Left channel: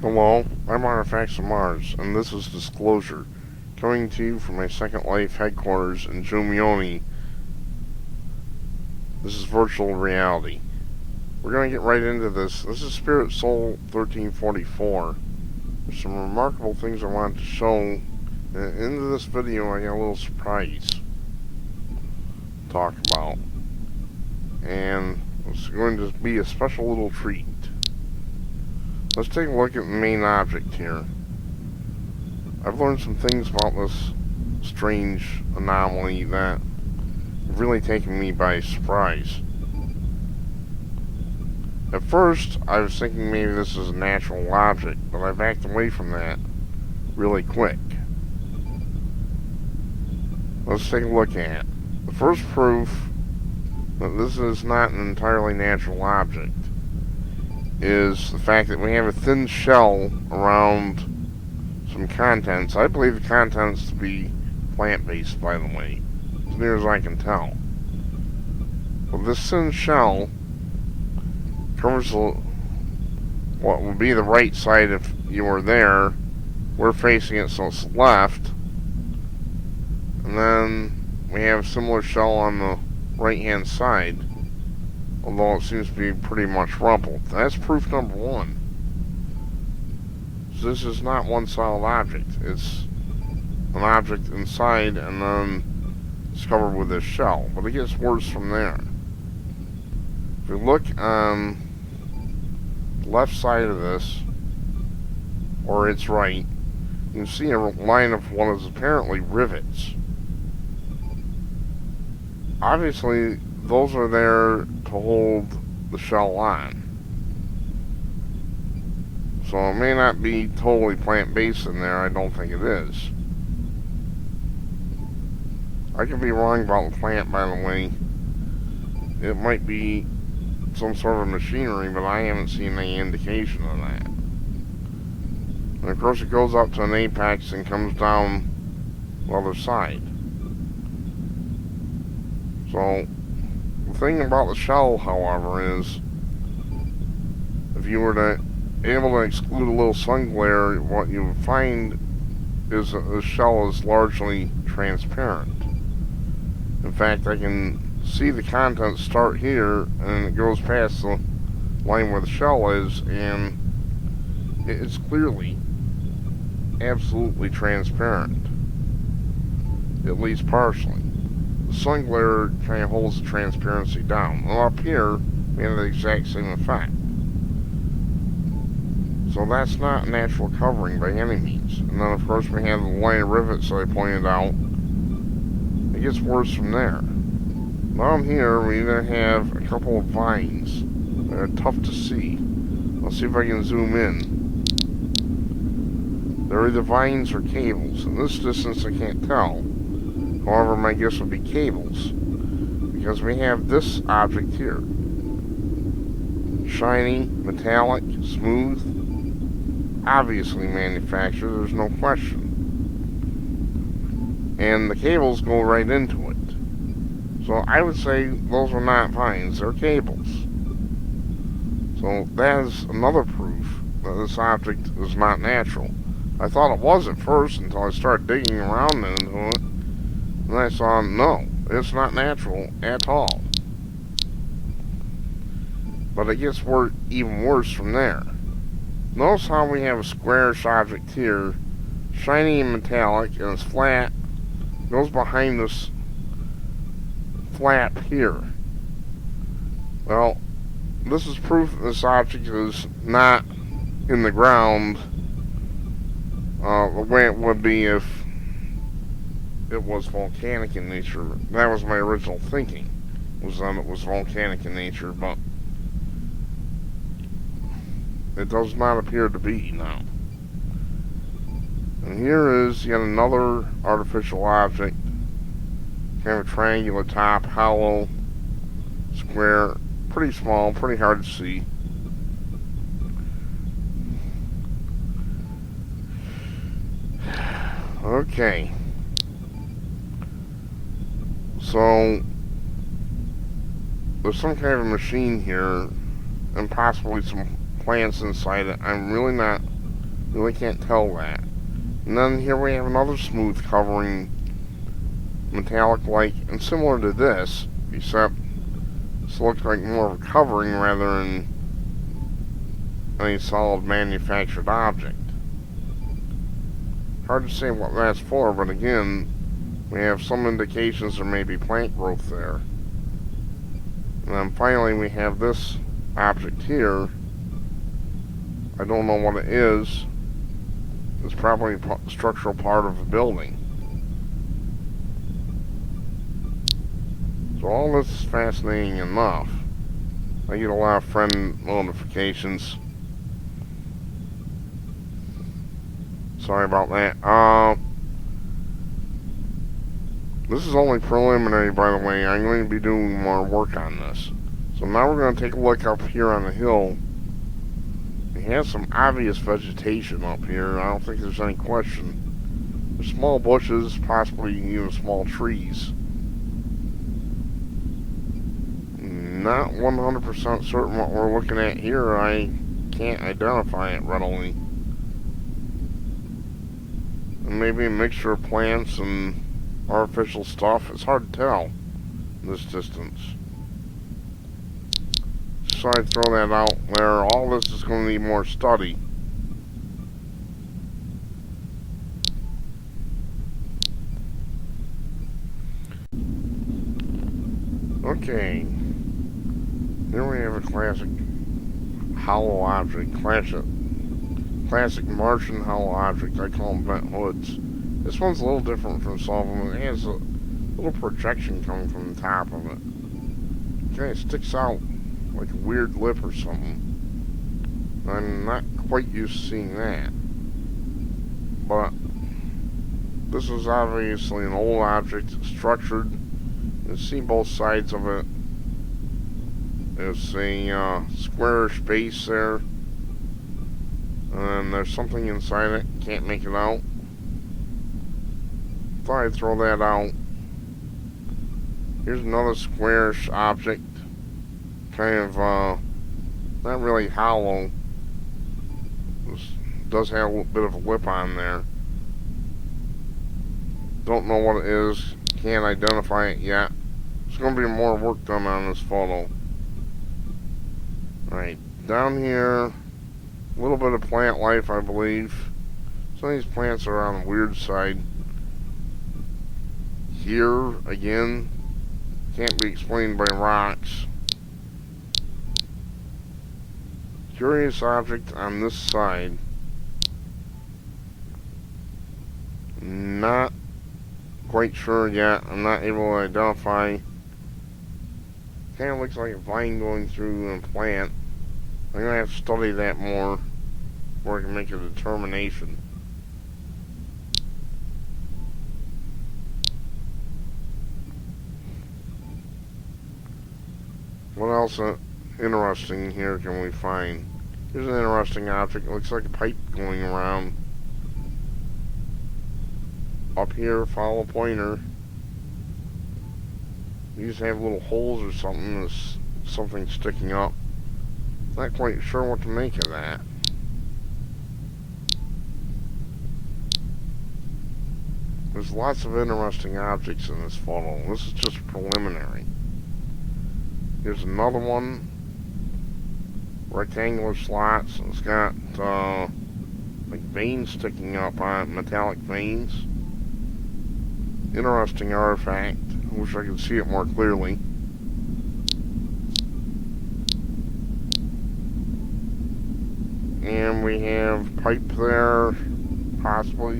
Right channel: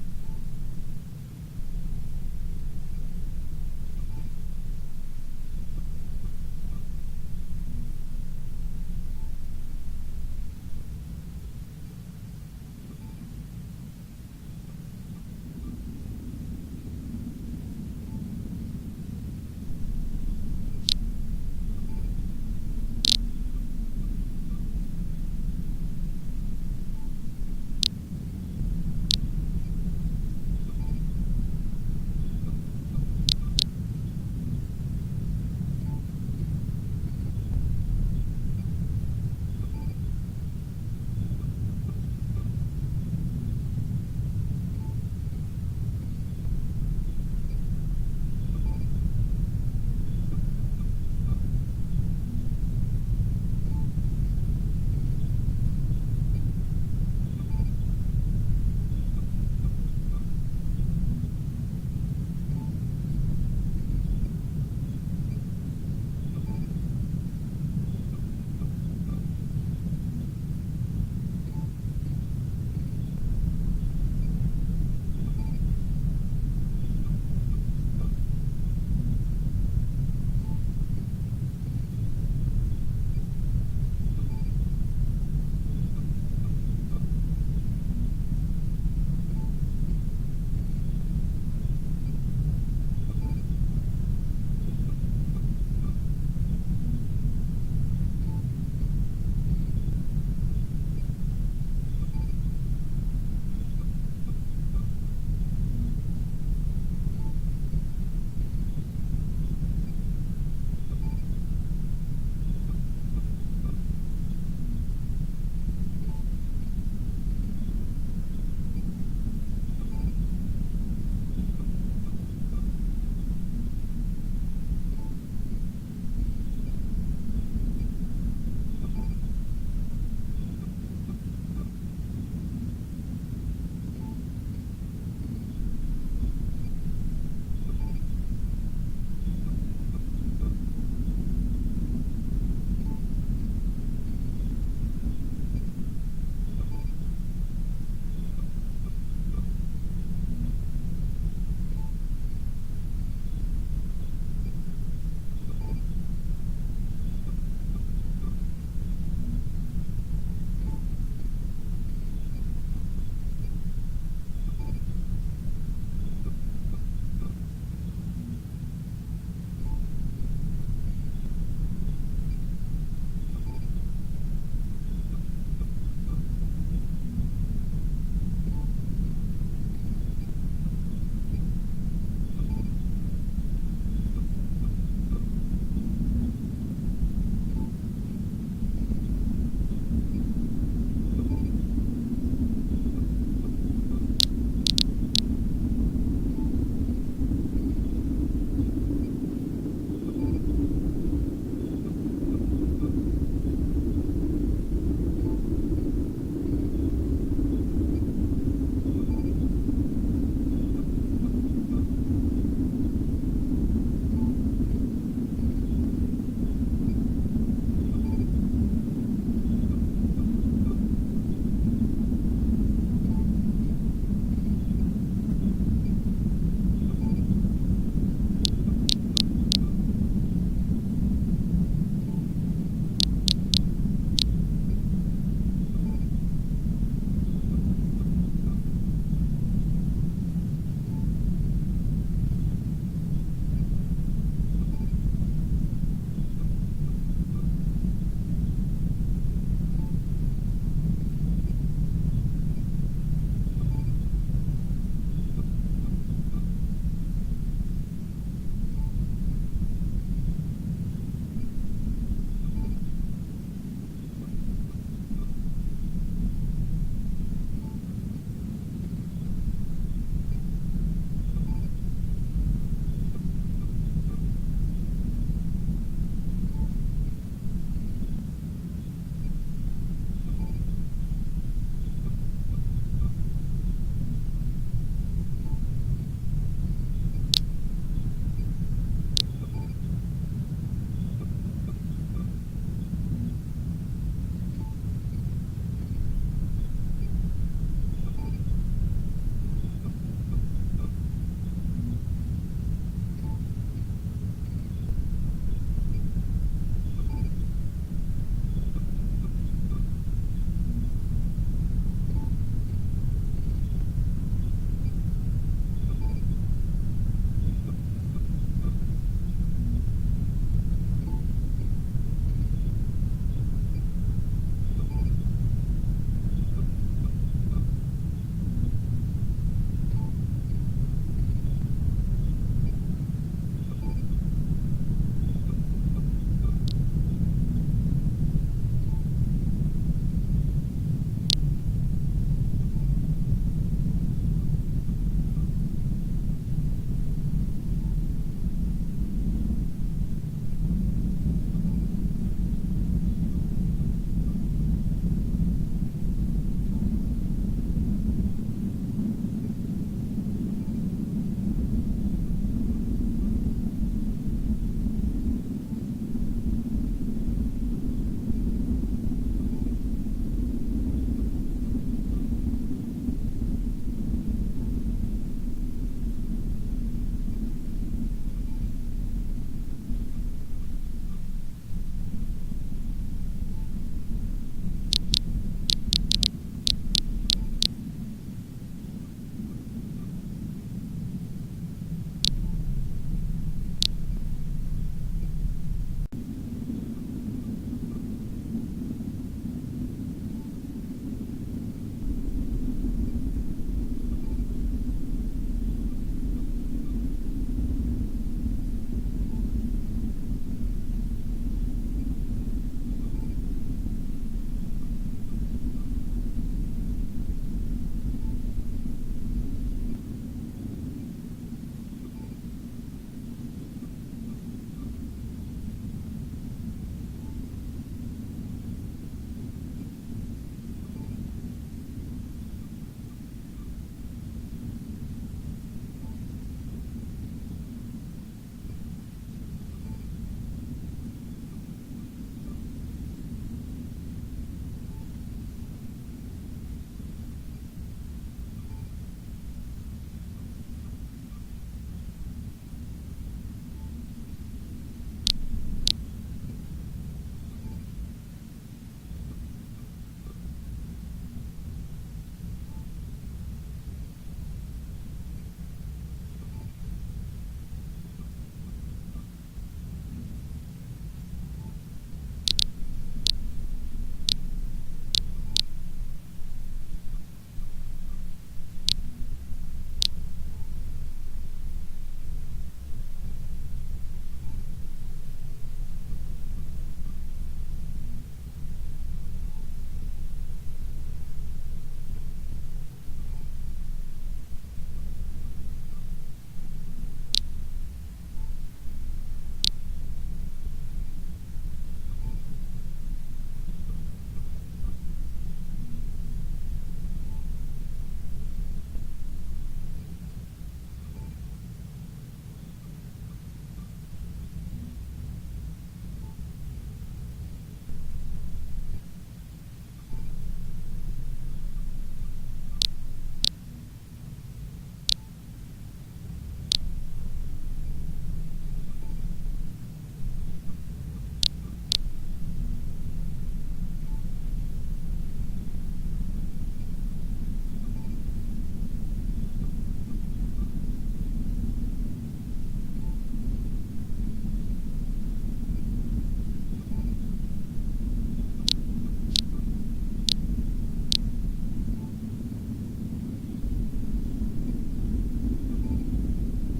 Hello, I'm Artifacts of Mars, and this is Disclosure, coming to you from my Second Life headquarters in Jumioni. This is virtual reality. We're going to get right into this. This is Spirit Soul 1344. There's some remarkable things I wanted to show. And into this video, I got a little surprise to talk about. And it's going to be a special little treat. Let's take a look at the main object here. I've learned some things about this strange anomaly that have really taken me by surprise. At first, I was thinking maybe this is a natural object, but I backed away from that really quick. Let's take a look at it. The first proof that this is not an entirely natural object is the fact that we have a thin shell around some contents. I believe the contents to be plant-based, by the way, as near as I can tell. But this thin shell covers what would be the right side if you were there. We're facing it, so it's left. And then we have a similar shell on the right-hand side, although it seems to be pretty much rumpled. That's proof number one. So this is not one solid object. It's an object inside and then it's covered with this shell. But it gets worse from there. If we look on the left side of this, or its right, you can see a line of what is apparently rivets. Obviously, those are there to hold the shell on. So it may not be totally plant-based in there. I don't think it is. I could be wrong about the plant, by the way. It might be some sort of machinery, but I haven't seen any indication of that. And of course it goes up to an apex and comes down the other side. So the thing about the shell, however, is if you were to able to exclude a little sun glare, what you would find is that the shell is largely transparent. In fact, I can see the contents start here and it goes past the line where the shell is, and it's clearly absolutely transparent, at least partially. The sun glare kind of holds the transparency down. Well, up here, we have the exact same effect. So that's not natural covering by any means. And then, of course, we have the line of rivets that I pointed out. It gets worse from there. Down here, we then have a couple of vines that are tough to see. I'll see if I can zoom in. They're either vines or cables. In this distance, I can't tell. However, my guess would be cables, because we have this object here. Shiny, metallic, smooth, obviously manufactured, there's no question. And the cables go right into it. So I would say those are not vines, they're cables. So that is another proof that this object is not natural. I thought it was at first until I started digging around into it. And I saw, no, it's not natural at all. But it gets even worse from there. Notice how we have a squarish object here, shiny and metallic, and it's flat. It goes behind this flap here. Well, this is proof that this object is not in the ground the way it would be if it was volcanic in nature. That was my original thinking, was that it was volcanic in nature, but it does not appear to be now. And here is yet another artificial object, kind of a triangular top, hollow, square, pretty small, pretty hard to see. Okay. So there's some kind of a machine here, and possibly some plants inside it. I'm really not You really can't tell that. And then here we have another smooth covering, metallic-like, and similar to this, except this looks like more of a covering rather than a solid manufactured object. Hard to say what that's for, but again, we have some indications there may be plant growth there. And then finally we have this object here. I don't know what it is. It's probably a structural part of the building. So all this is fascinating enough. I get a lot of friend notifications. Sorry about that. This is only preliminary, by the way. I'm going to be doing more work on this. So now we're going to take a look up here on the hill. We have some obvious vegetation up here. I don't think there's any question. There's small bushes, possibly even small trees. Not 100% certain what we're looking at here. I can't identify it readily. And maybe a mixture of plants and artificial stuff. It's hard to tell in this distance. So I throw that out there. All this is going to need more study. Okay. Here we have a classic hollow object. Classic Martian hollow object. I call them bent hoods. This one's a little different from some of them. It has a little projection coming from the top of it. It kind of sticks out like a weird lip or something. I'm not quite used to seeing that. But this is obviously an old object. It's structured. You can see both sides of it. There's a squarish base there. And there's something inside it. Can't make it out. Thought I'd throw that out. Here's another squarish object. Kind of, not really hollow. This does have a little bit of a lip on there. Don't know what it is. Can't identify it yet. There's going to be more work done on this photo. Alright, down here, a little bit of plant life, I believe. Some of these plants are on the weird side. Here, again, can't be explained by rocks. Curious object on this side. Not quite sure yet. I'm not able to identify. Kind of looks like a vine going through a plant. I'm going to have to study that more before I can make a determination. What else interesting here can we find? Here's an interesting object. It looks like a pipe going around. Up here, follow pointer. These have little holes or something. There's something sticking up. Not quite sure what to make of that. There's lots of interesting objects in this photo. This is just preliminary. Here's another one. Rectangular slots. It's got like veins sticking up on it, metallic veins. Interesting artifact. I wish I could see it more clearly. And we have pipe there, possibly.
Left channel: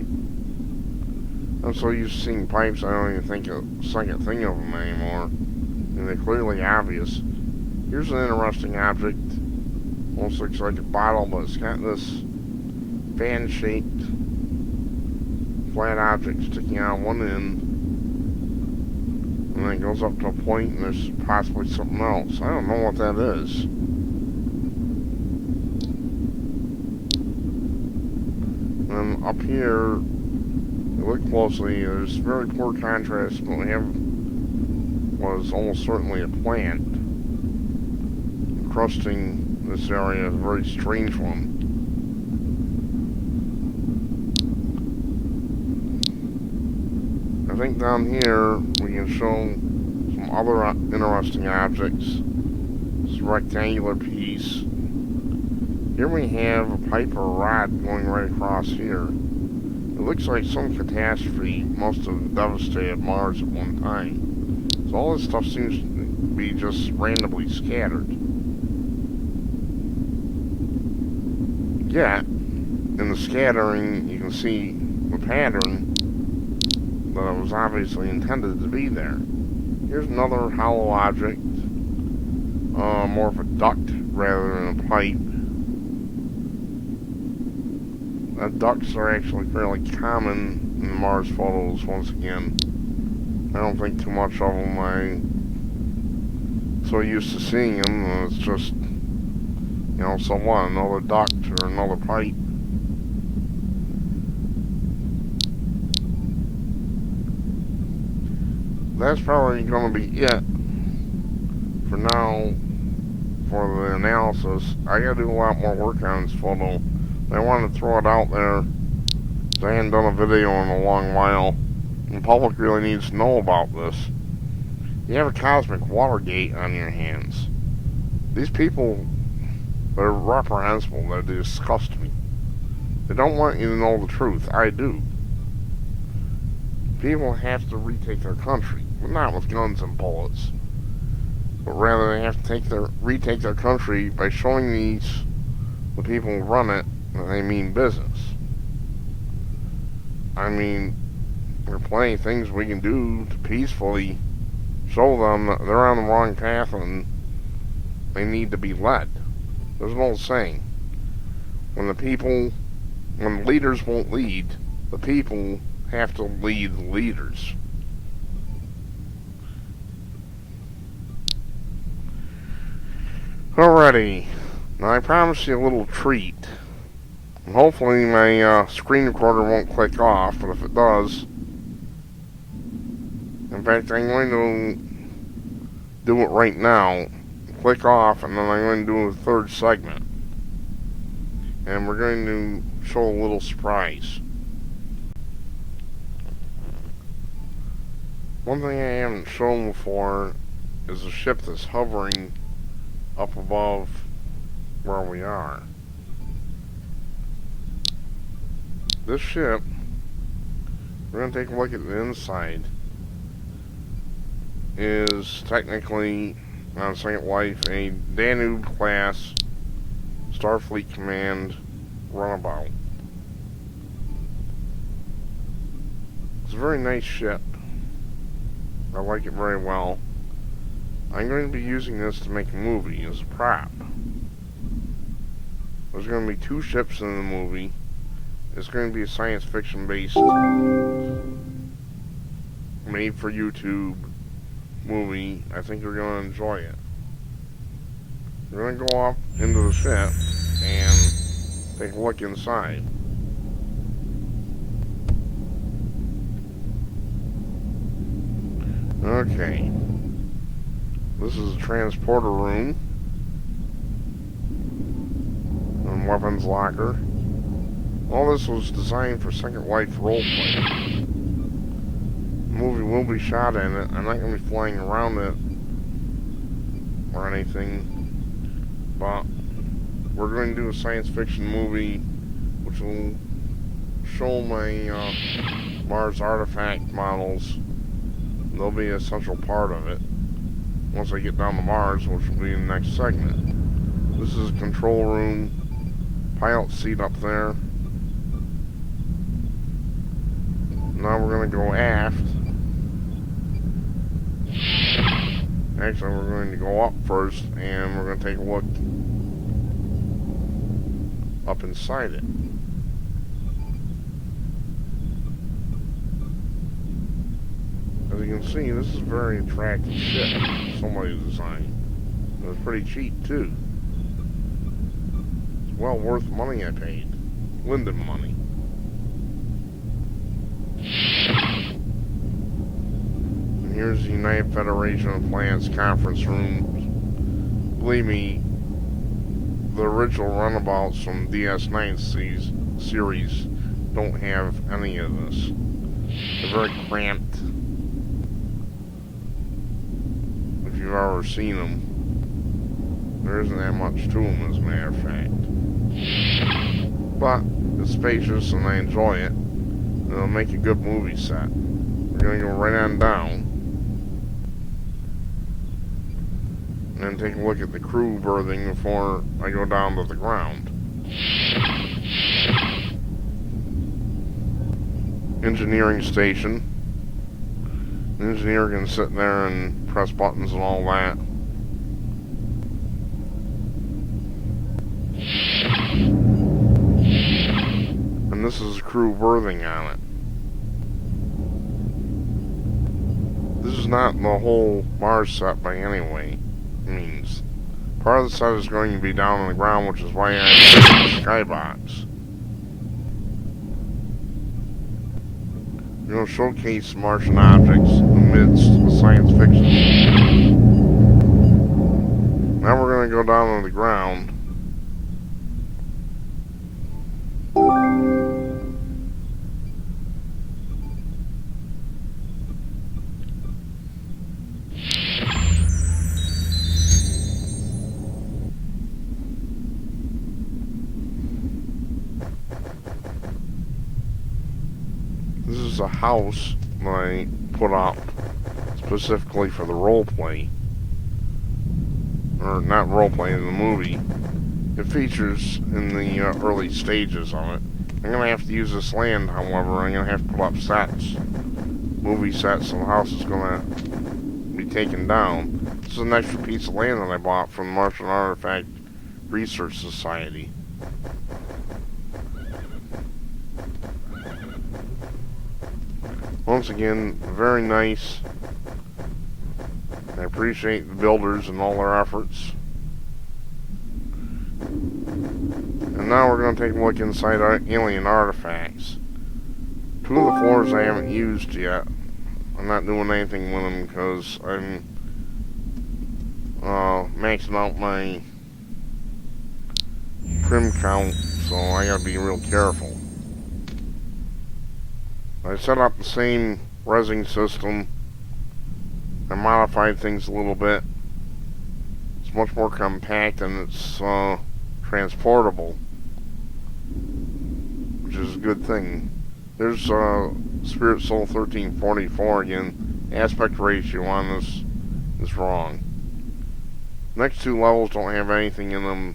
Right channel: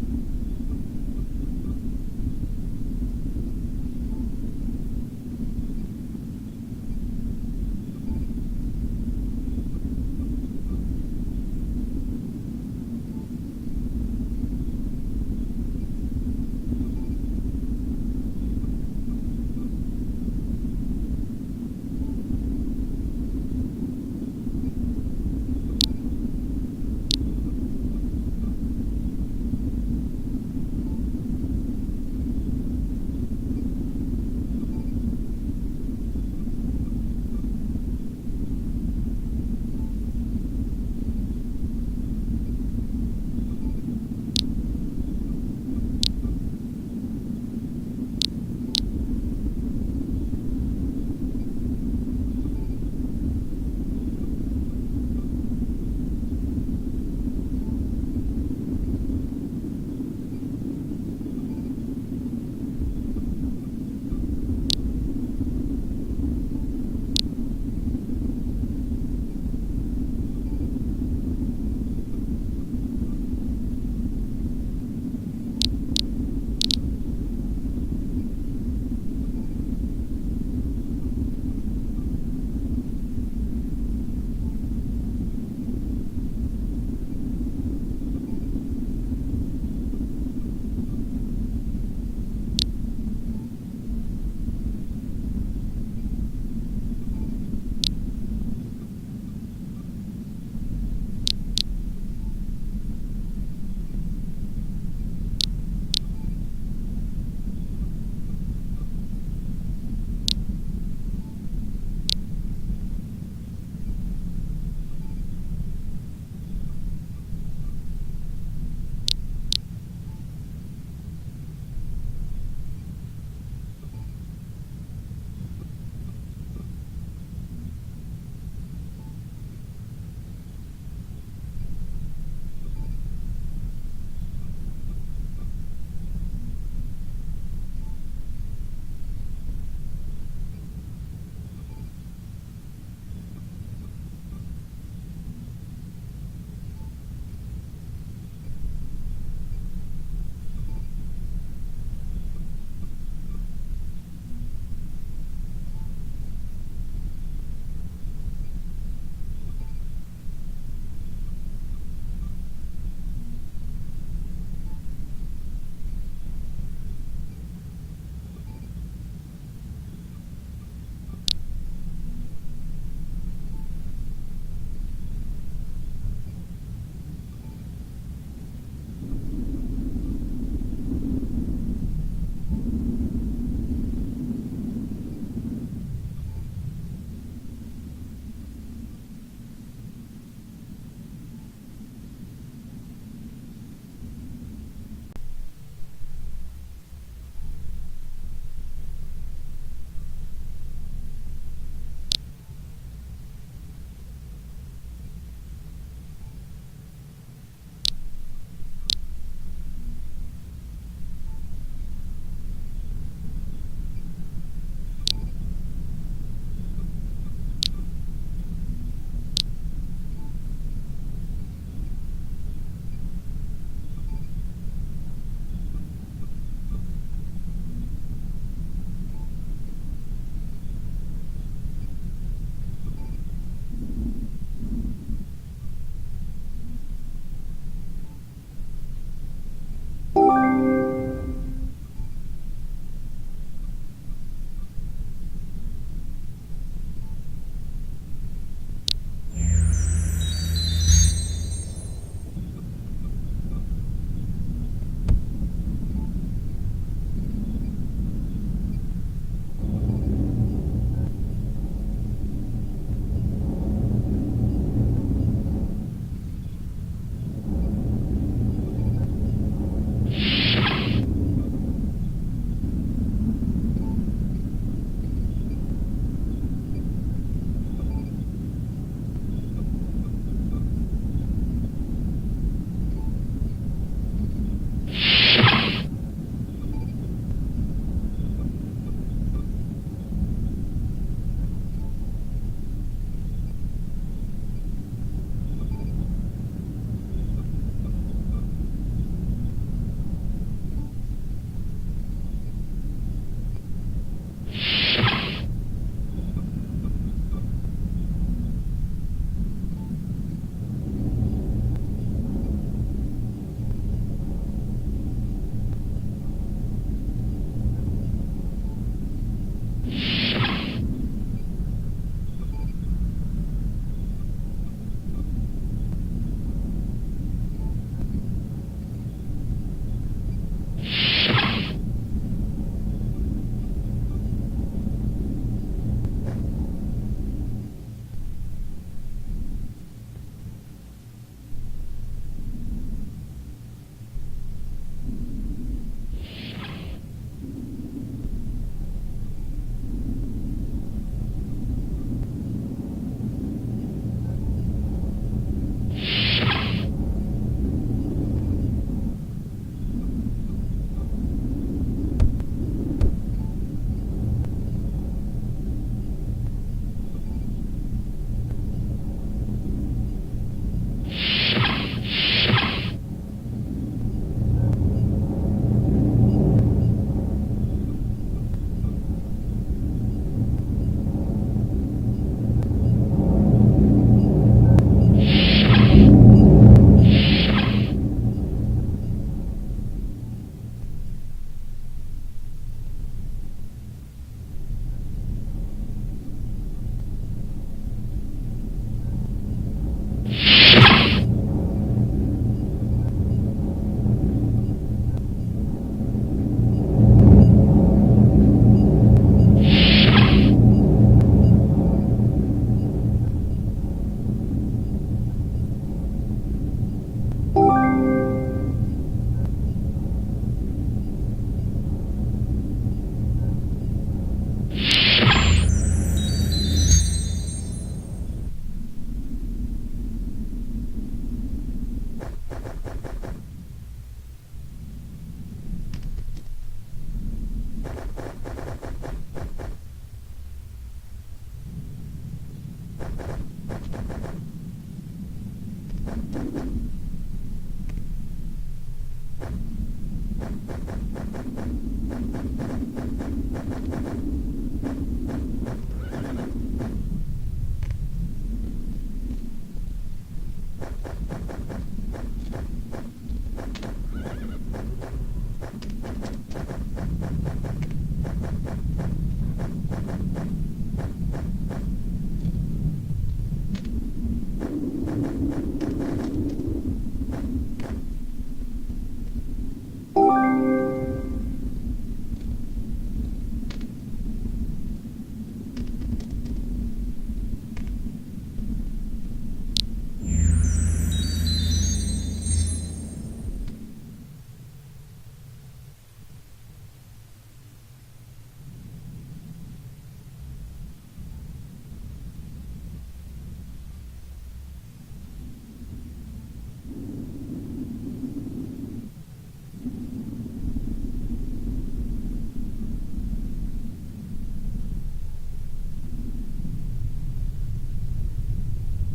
I'm so used to seeing pipes, I don't even think a second thing of them anymore. And they're clearly obvious. Here's an interesting object. Almost looks like a bottle, but it's got this fan-shaped flat object sticking out one end. And then it goes up to a point, and there's possibly something else. I don't know what that is. And up here, look closely, there's very poor contrast. What we have was almost certainly a plant encrusting this area, a very strange one. think down here we can show some other interesting objects. This rectangular piece. Here we have a pipe or rod going right across here. It looks like some catastrophe must have devastated Mars at one time. So all this stuff seems to be just randomly scattered. Yet, in the scattering, you can see the pattern that it was obviously intended to be there. Here's another hollow object, more of a duct rather than a pipe. Ducts are actually fairly common in the Mars photos once again. I don't think too much of them. I'm so used to seeing them, it's just, you know, so what, another duct or another pipe. That's probably going to be it for now for the analysis. I gotta do a lot more work on this photo. I wanted to throw it out there. I hadn't done a video in a long while. The public really needs to know about this. You have a cosmic Watergate on your hands. These people, they're reprehensible. They disgust me. They don't want you to know the truth. I do. People have to retake their country. But not with guns and bullets. But rather they have to retake their country by showing the people who run it, that they mean business. I mean, there are plenty of things we can do to peacefully show them that they're on the wrong path and they need to be led. There's an old saying, when leaders won't lead, the people have to lead the leaders. Alrighty, now I promised you a little treat. And hopefully my screen recorder won't click off, but if it does, in fact I'm going to do it right now, click off, and then I'm going to do a third segment. And we're going to show a little surprise. One thing I haven't shown before is a ship that's hovering up above where we are. This ship, we're going to take a look at the inside, is technically, on Second Life, a Danube class Starfleet Command runabout. It's a very nice ship. I like it very well. I'm going to be using this to make a movie as a prop. There's going to be 2 ships in the movie. It's going to be a science fiction based made for YouTube movie. I think you're going to enjoy it. We're going to go up into the ship and take a look inside. Okay. This is a transporter room and weapons locker. All this was designed for Second Life roleplay. The movie will be shot in it. I'm not going to be flying around it or anything, but we're going to do a science fiction movie which will show my Mars artifact models. They'll be a central part of it once I get down to Mars, which will be in the next segment. This is a control room, pilot seat up there. Now we're going to go aft. Actually, we're going to go up first, and we're going to take a look up inside it. As you can see, this is a very attractive ship somebody designed. It's pretty cheap, too. It's well worth the money I paid. Linden money. And here's the United Federation of Planets conference room. Believe me, the original runabouts from DS9 series don't have any of this. They're very cramped. If you've ever seen them, there isn't that much to them, as a matter of fact. But it's spacious and I enjoy it. And it'll make a good movie set. We're going to go right on down. And then take a look at the crew berthing before I go down to the ground. Engineering station. The engineer can sit there and press buttons and all that. And this is crew berthing on it. This is not the whole Mars set by any way means. Part of the set is going to be down on the ground, which is why I have the skybox. We're going to showcase Martian objects amidst science fiction. Now we're going to go down on the ground. This is a house that I put up specifically for the roleplay. Or not roleplay, in the movie. It features in the early stages of it. I'm going to have to use this land, however. I'm going to have to put up sets. Movie sets, so the house is going to be taken down. This is an extra piece of land that I bought from the Martian Artifact Research Society. Once again, very nice. I appreciate the builders and all their efforts. And now we're going to take a look inside our alien artifacts. 2 of the floors I haven't used yet. I'm not doing anything with them because I'm maxing out my trim count, so I gotta be real careful. I set up the same resin system. I modified things a little bit. It's much more compact and it's transportable, which is a good thing. There's Spirit Soul 1344 again. Aspect ratio on this is wrong. Next 2 levels don't have anything in them,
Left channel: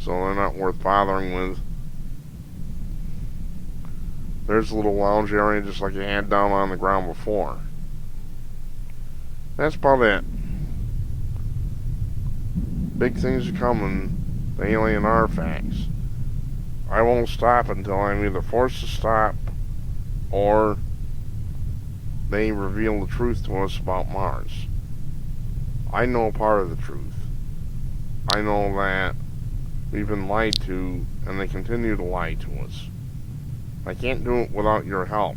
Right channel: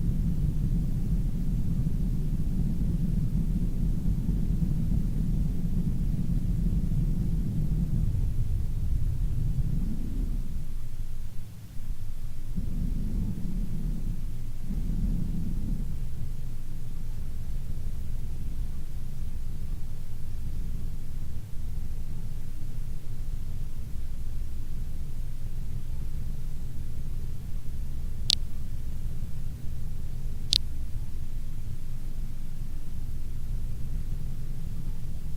so they're not worth bothering with. There's a little lounge area just like I had down on the ground before. That's about it. Big things are coming. The alien artifacts. I won't stop until I'm either forced to stop or they reveal the truth to us about Mars. I know part of the truth. I know that we've been lied to and they continue to lie to us. I can't do it without your help.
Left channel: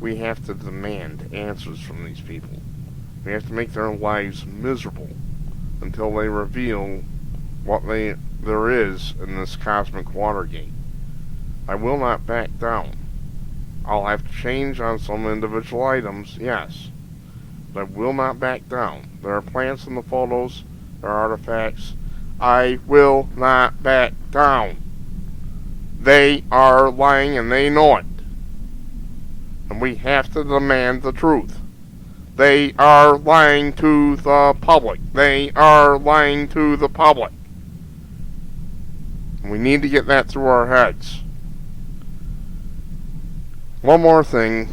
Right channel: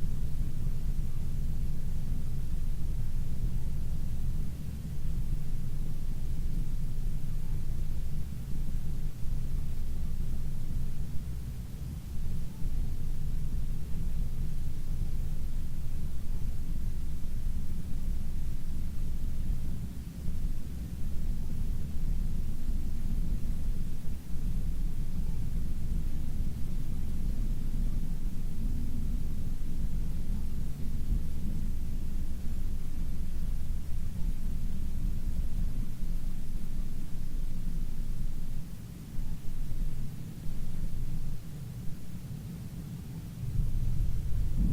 We have to demand answers from these people. We have to make their lives miserable until they reveal what there is in this cosmic Watergate. I will not back down. I'll have to change on some individual items, yes, but I will not back down. There are plants in the photos, there are artifacts. I will not back down. They are lying and they know it. And we have to demand the truth. They are lying to the public. They are lying to the public. And we need to get that through our heads. One more thing.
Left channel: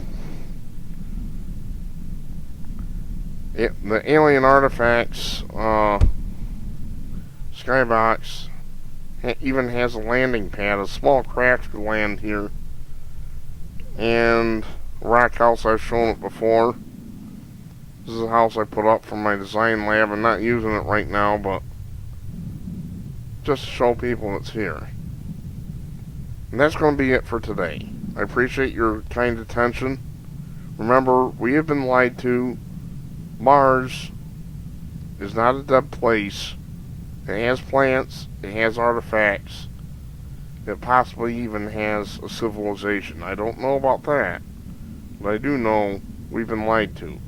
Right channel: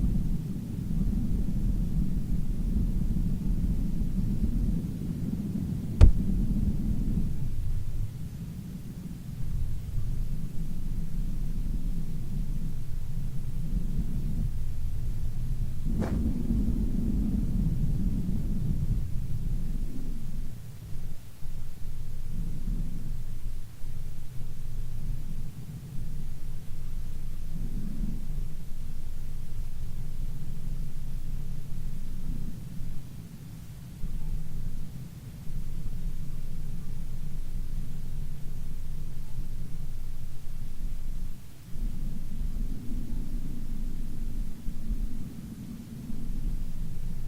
The alien artifacts skybox even has a landing pad, a small craft to land here, and a rock house. I've shown it before. This is a house I put up for my design lab. I'm not using it right now, but just to show people it's here. And that's going to be it for today. I appreciate your kind attention. Remember, we have been lied to. Mars is not a dead place. It has plants, it has artifacts, it possibly even has a civilization. I don't know about that, but I do know we've been lied to.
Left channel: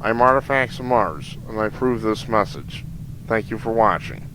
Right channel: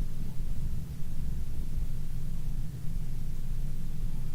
I'm Artifacts of Mars, and I approve this message. Thank you for watching.